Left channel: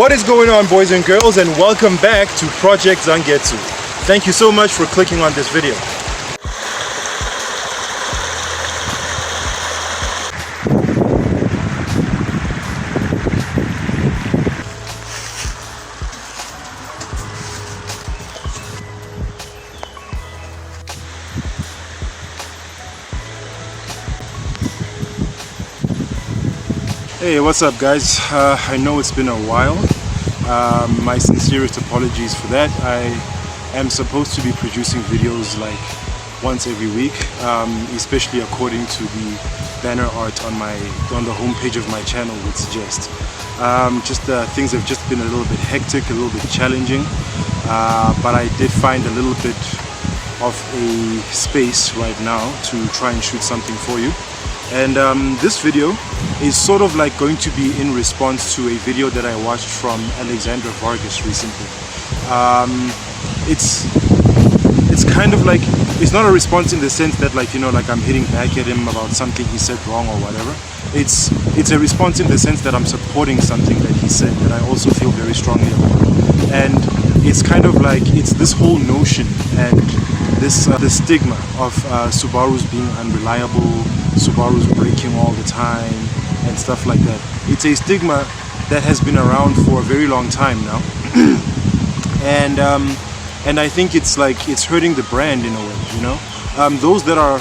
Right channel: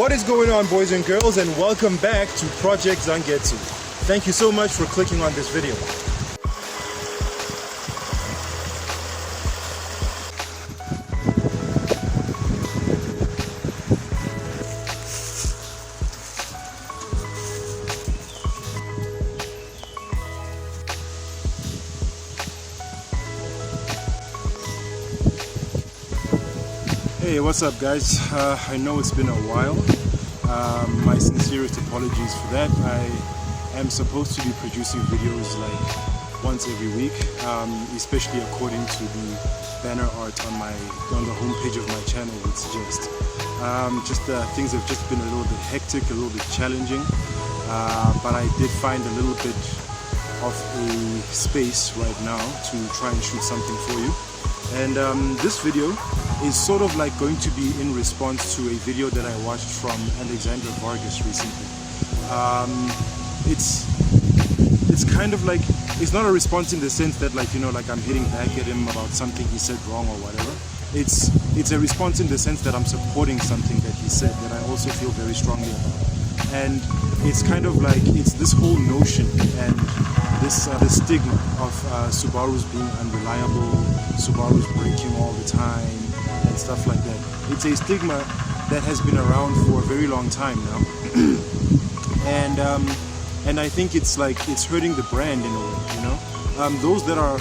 What is going on, boys and girls, and welcome back to Project Zangetsu. Thank you so much for clicking on this video. Hey, what's up guys? I know it's been a while. My sincerest apologies for that. I am supposed to be producing videos like once every week, especially according to the banner art on the homepage of my channel would suggest. Things have just been a little bit hectic, a little bit challenging, but I did find a little bit of a space right now to try and shoot something for you. And this video is sort of like going to be in response to a video that I watched from Vargas recently. It's kind of like, it's not a response in the sense that like, you know, like I'm hitting back at him about something he said wrong or whatever. It's a response in the sense that I'm supporting something that he said that I also feel very strongly about. And it's kind of like, it's this whole notion and this the stigma of Subarus being unreliable, Subarus breaking all the time and stuff like that. It's a stigma that has been around for a very long time now. And I think it's like, it's hurting the brand in a way, you know? Those that are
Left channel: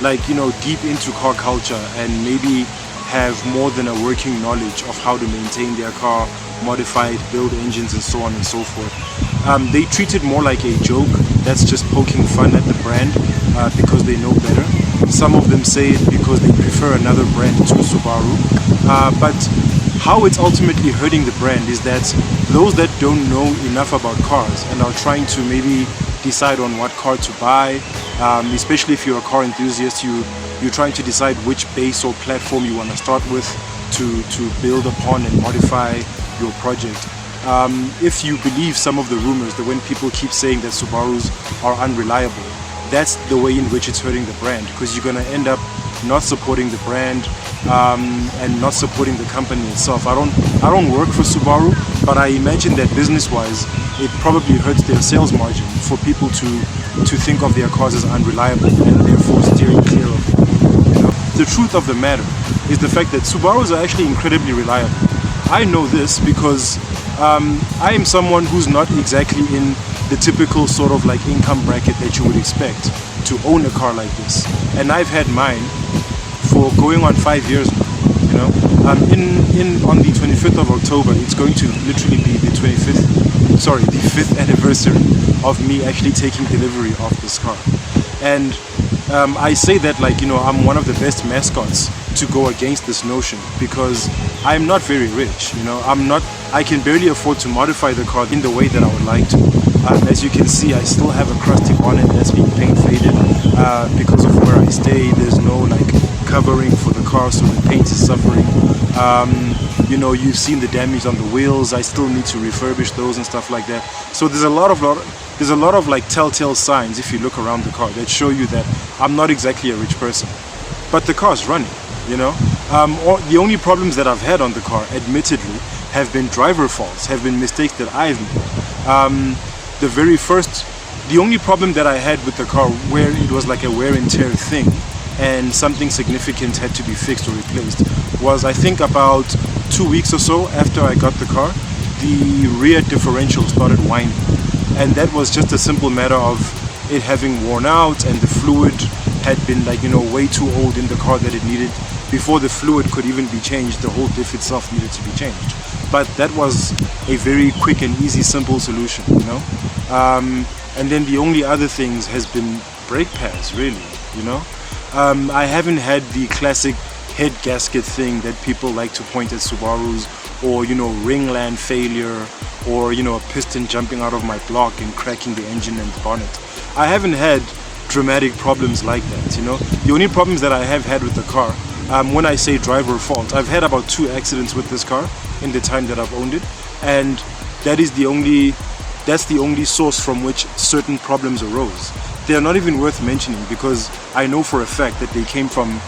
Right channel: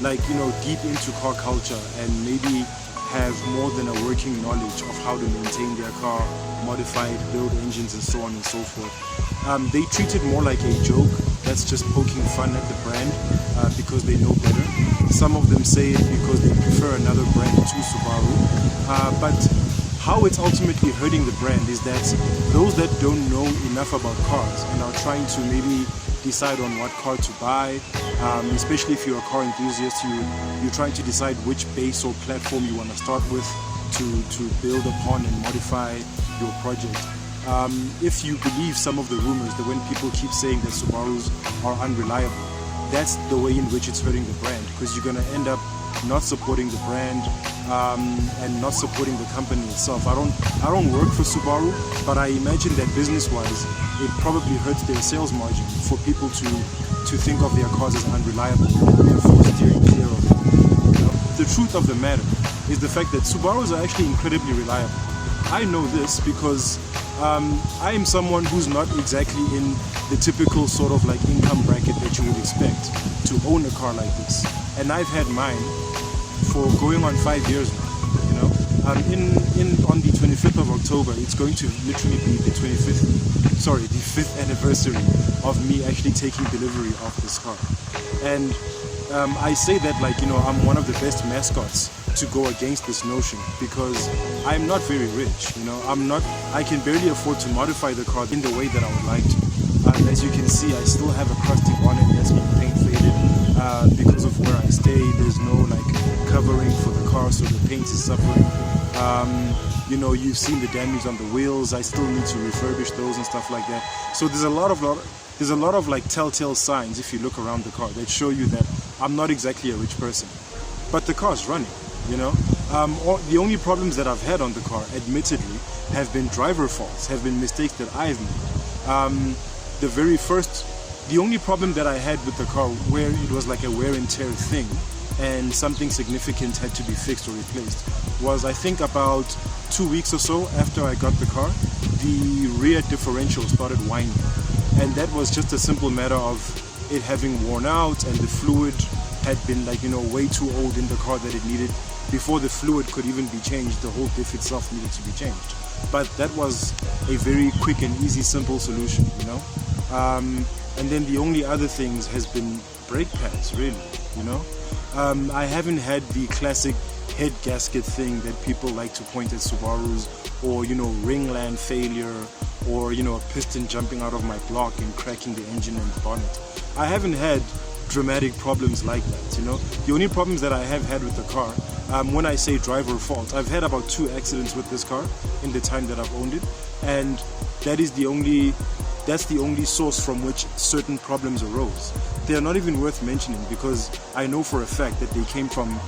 like, you know, deep into car culture and maybe have more than a working knowledge of how to maintain their car, modify it, build engines and so on and so forth. They treat it more like a joke that's just poking fun at the brand because they know better. Some of them say it because they prefer another brand to Subaru. But how it's ultimately hurting the brand is that those that don't know enough about cars and are trying to maybe decide on what car to buy, especially if you're a car enthusiast, you're trying to decide which base or platform you want to start with to build upon and modify your project. If you believe some of the rumors that when people keep saying that Subarus are unreliable, that's the way in which it's hurting the brand, because you're going to end up not supporting the brand and not supporting the company itself. I don't work for Subaru, but I imagine that business-wise, it probably hurts their sales margin for people to think of their cars as unreliable and therefore steering clear of them. You know? The truth of the matter is the fact that Subarus are actually incredibly reliable. I know this because I am someone who's not exactly in the typical sort of like income bracket that you would expect to own a car like this. And I've had mine for going on 5 years now, you know. On the 25th of October, it's going to literally be the 5th anniversary of me actually taking delivery of this car. And I say that like, you know, I'm one of the best mascots to go against this notion because I'm not very rich, you know. I can barely afford to modify the car in the way that I would like to. As you can see, I still have a crusty bonnet that's being paint faded because of where I stay. There's no like covering for the car, so the paint is suffering. You know, you've seen the damage on the wheels. I still need to refurbish those and stuff like that. So there's a lot of like telltale signs if you look around the car that show you that I'm not exactly a rich person, but the car's running, you know. The only problems that I've had on the car, admittedly, have been driver faults, have been mistakes that I've made. The only problem that I had with the car where it was like a wear and tear thing and something significant had to be fixed or replaced was, I think about 2 weeks or so after I got the car, the rear differential started whining. And that was just a simple matter of it having worn out and the fluid had been like, you know, way too old in the car that it needed. Before the fluid could even be changed, the whole diff itself needed to be changed. But that was a very quick and easy, simple solution, you know. And then the only other things has been brake pads, really, you know. I haven't had the classic head gasket thing that people like to point at Subarus, or, you know, ringland failure, or, you know, a piston jumping out of my block and cracking the engine and the bonnet. I haven't had dramatic problems like that, you know. The only problems that I have had with the car, when I say driver fault, I've had about 2 accidents with this car in the time that I've owned it, and that's the only source from which certain problems arose. They are not even worth mentioning because I know for a fact that they came from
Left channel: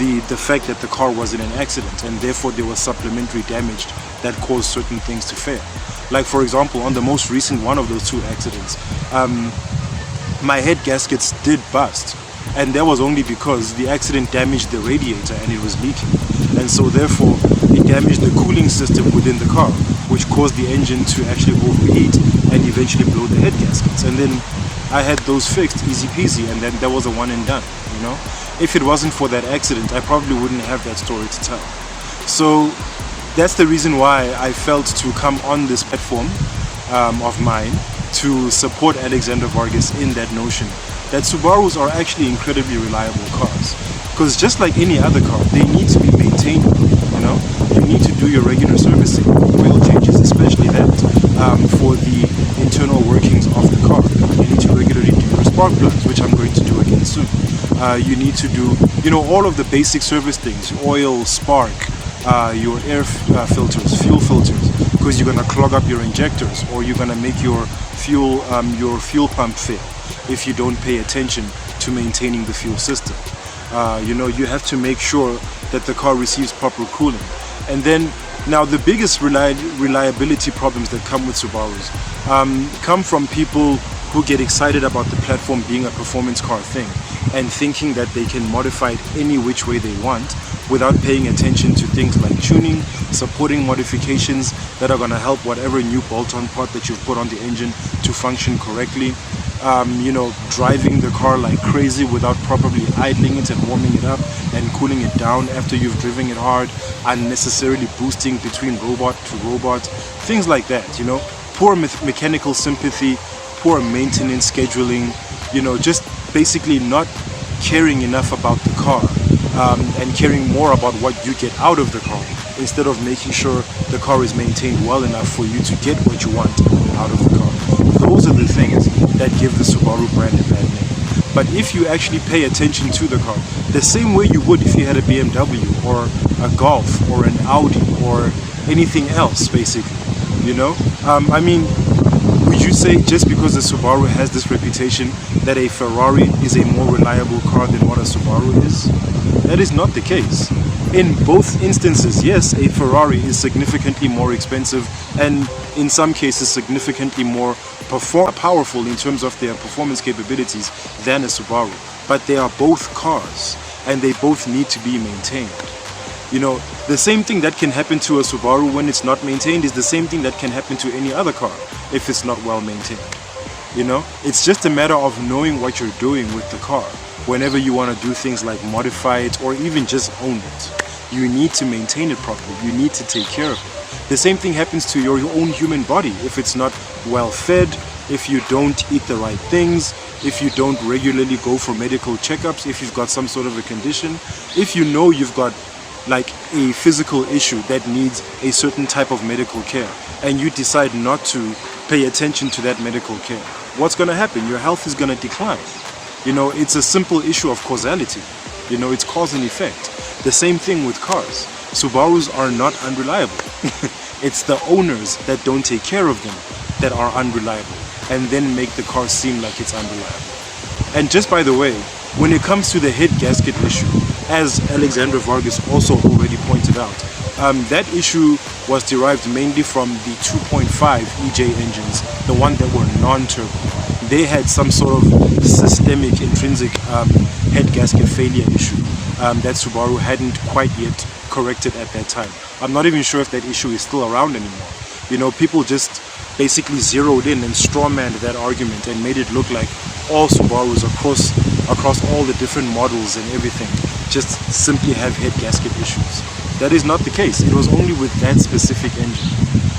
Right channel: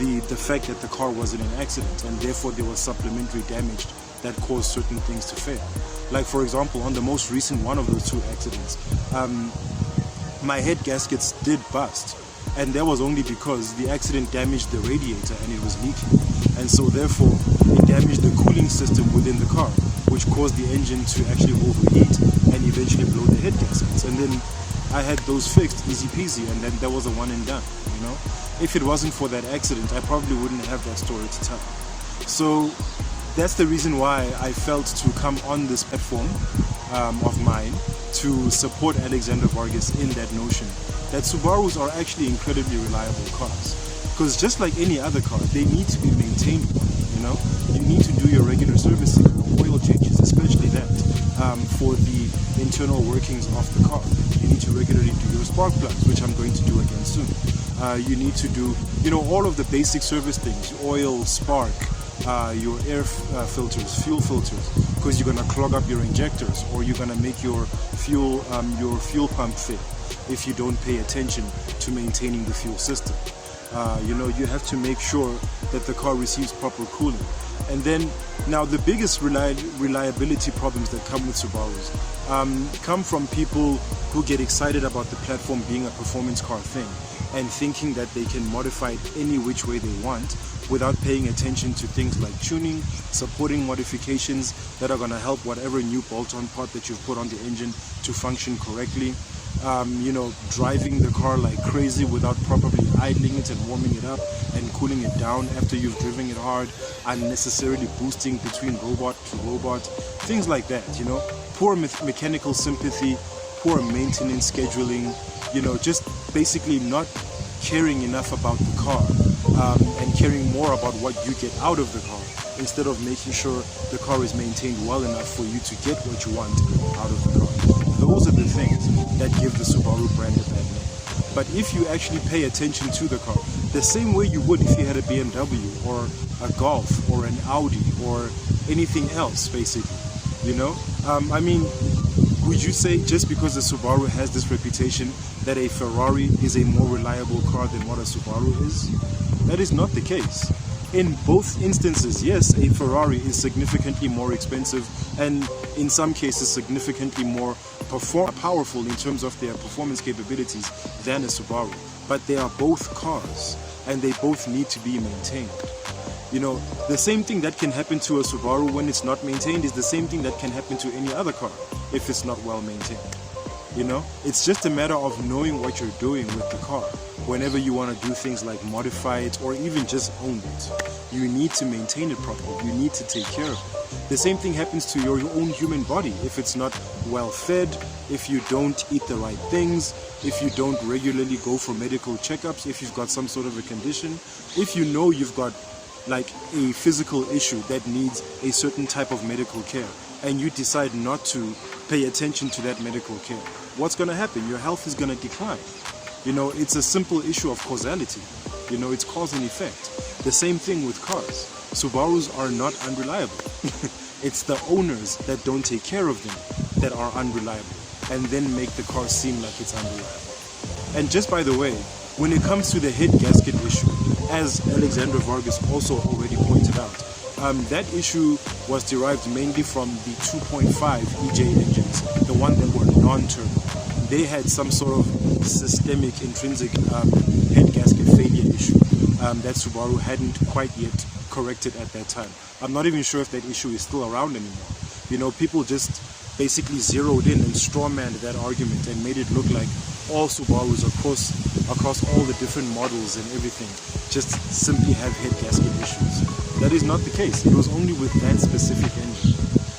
the fact that the car was in an accident and therefore there was supplementary damage that caused certain things to fail. Like for example, on the most recent one of those two accidents, my head gaskets did bust, and that was only because the accident damaged the radiator and it was leaking, and so therefore it damaged the cooling system within the car, which caused the engine to actually overheat and eventually blow the head gaskets. And then I had those fixed, easy peasy, and then that was a one and done, you know. If it wasn't for that accident, I probably wouldn't have that story to tell. So that's the reason why I felt to come on this platform of mine to support Alexander Vargas in that notion that Subarus are actually incredibly reliable cars. Because just like any other car, they need to be maintained, you know. You need to do your regular servicing, oil changes, especially that, for the internal workings of the car. You need to regularly do your spark plugs, which I'm going to do again soon. You need to do, you know, all of the basic service things, oil, spark, your air filters, fuel filters, because you're gonna clog up your injectors, or you're gonna make your fuel pump fail if you don't pay attention to maintaining the fuel system. You know, you have to make sure that the car receives proper cooling. And then, now the biggest reliability problems that come with Subarus come from people who get excited about the platform being a performance car thing and thinking that they can modify it any which way they want without paying attention to things like tuning, supporting modifications that are going to help whatever new bolt-on part that you've put on the engine to function correctly. You know, driving the car like crazy without properly idling it and warming it up and cooling it down after you've driven it hard, unnecessarily boosting between robot to robot, things like that, you know. Poor mechanical sympathy, poor maintenance scheduling, you know, just basically not caring enough about the car and caring more about what you get out of the car instead of making sure the car is maintained well enough for you to get what you want out of the car. Those are the things that give the Subaru brand a bad name. But if you actually pay attention to the car, the same way you would if you had a BMW or a Golf or an Audi or anything else, basically, you know? I mean, would you say just because the Subaru has this reputation that a Ferrari is a more reliable car than what a Subaru is? That is not the case. In both instances, yes, a Ferrari is significantly more expensive and in some cases significantly more powerful in terms of their performance capabilities than a Subaru. But they are both cars and they both need to be maintained. You know, the same thing that can happen to a Subaru when it's not maintained is the same thing that can happen to any other car if it's not well maintained. You know, it's just a matter of knowing what you're doing with the car. Whenever you want to do things like modify it or even just own it, you need to maintain it properly. You need to take care of it. The same thing happens to your own human body. If it's not well fed, if you don't eat the right things, if you don't regularly go for medical checkups, if you've got some sort of a condition, if you know you've got like a physical issue that needs a certain type of medical care and you decide not to pay attention to that medical care, what's going to happen? Your health is going to decline. You know, it's a simple issue of causality. You know, it's cause and effect. The same thing with cars. Subarus are not unreliable. It's the owners that don't take care of them that are unreliable and then make the car seem like it's unreliable. And just by the way, when it comes to the head gasket issue, as Alexander Vargas also already pointed out, that issue was derived mainly from the 2.5 EJ engines, the one that were non-turbo. They had some sort of systemic intrinsic head gasket failure issue that Subaru hadn't quite yet corrected at that time. I'm not even sure if that issue is still around anymore. You know, people just basically zeroed in and strawmanned that argument and made it look like all Subarus across all the different models and everything just simply have head gasket issues. That is not the case. It was only with that specific engine.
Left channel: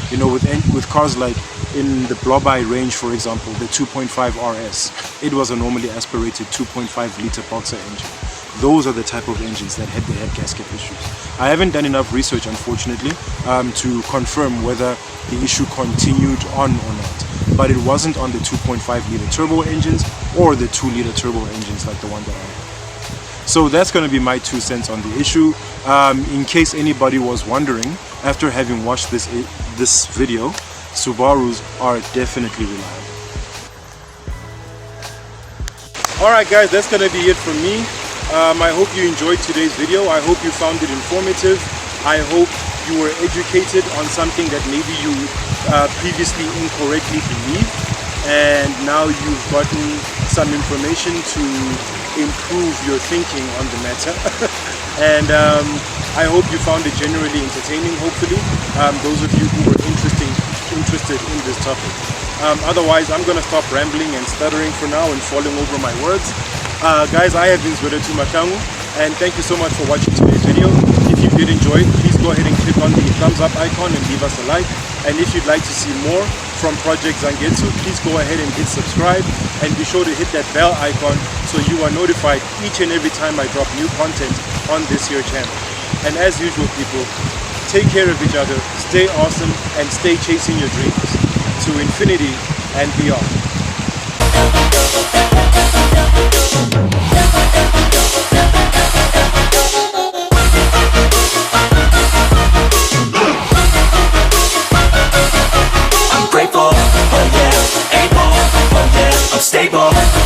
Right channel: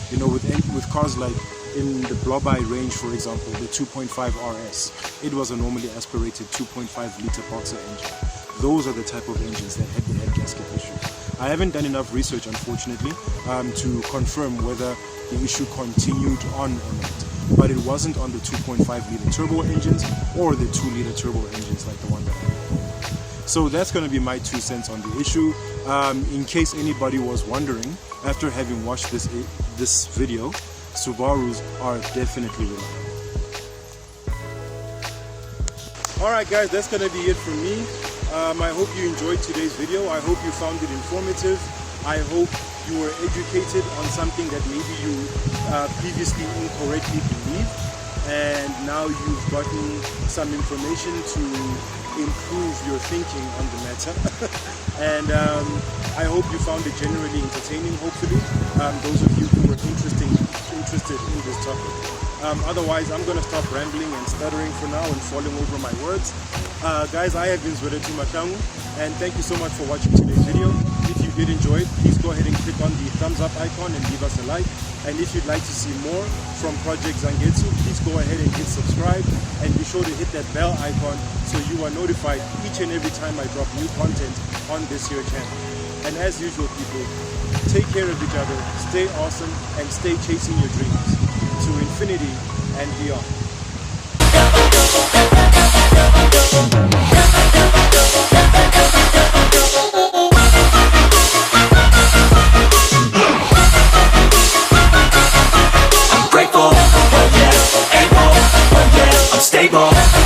You know, with cars like in the Blobai range, for example, the 2.5 RS, it was a normally aspirated 2.5 liter boxer engine. Those are the type of engines that had the head gasket issues. I haven't done enough research, unfortunately, to confirm whether the issue continued on or not. But it wasn't on the 2.5 liter turbo engines or the 2 liter turbo engines like the one that I had. So that's going to be my 2 cents on the issue. In case anybody was wondering, after having watched this video, Subarus are definitely reliable. Alright guys, that's going to be it from me. I hope you enjoyed today's video. I hope you found it informative. I hope you were educated on something that maybe you previously incorrectly believed, and now you've gotten some information to improve your thinking on the matter. And I hope you found it generally entertaining, hopefully, those of you who were interested in this topic. Otherwise, I'm going to stop rambling and stuttering for now and falling over my words. Guys, I have been Zangetsu, and thank you so much for watching today's video. If you did enjoy it, please go ahead and click on the thumbs up icon and leave us a like. And if you'd like to see more from Project Zangetsu, please go ahead and hit subscribe, and be sure to hit that bell icon so you are notified each and every time I drop new content on this here channel. And as usual, people, take care of each other, stay awesome, and stay chasing your dreams to infinity and beyond. I'm grateful, oh yeah, able, oh yeah, I'm stable.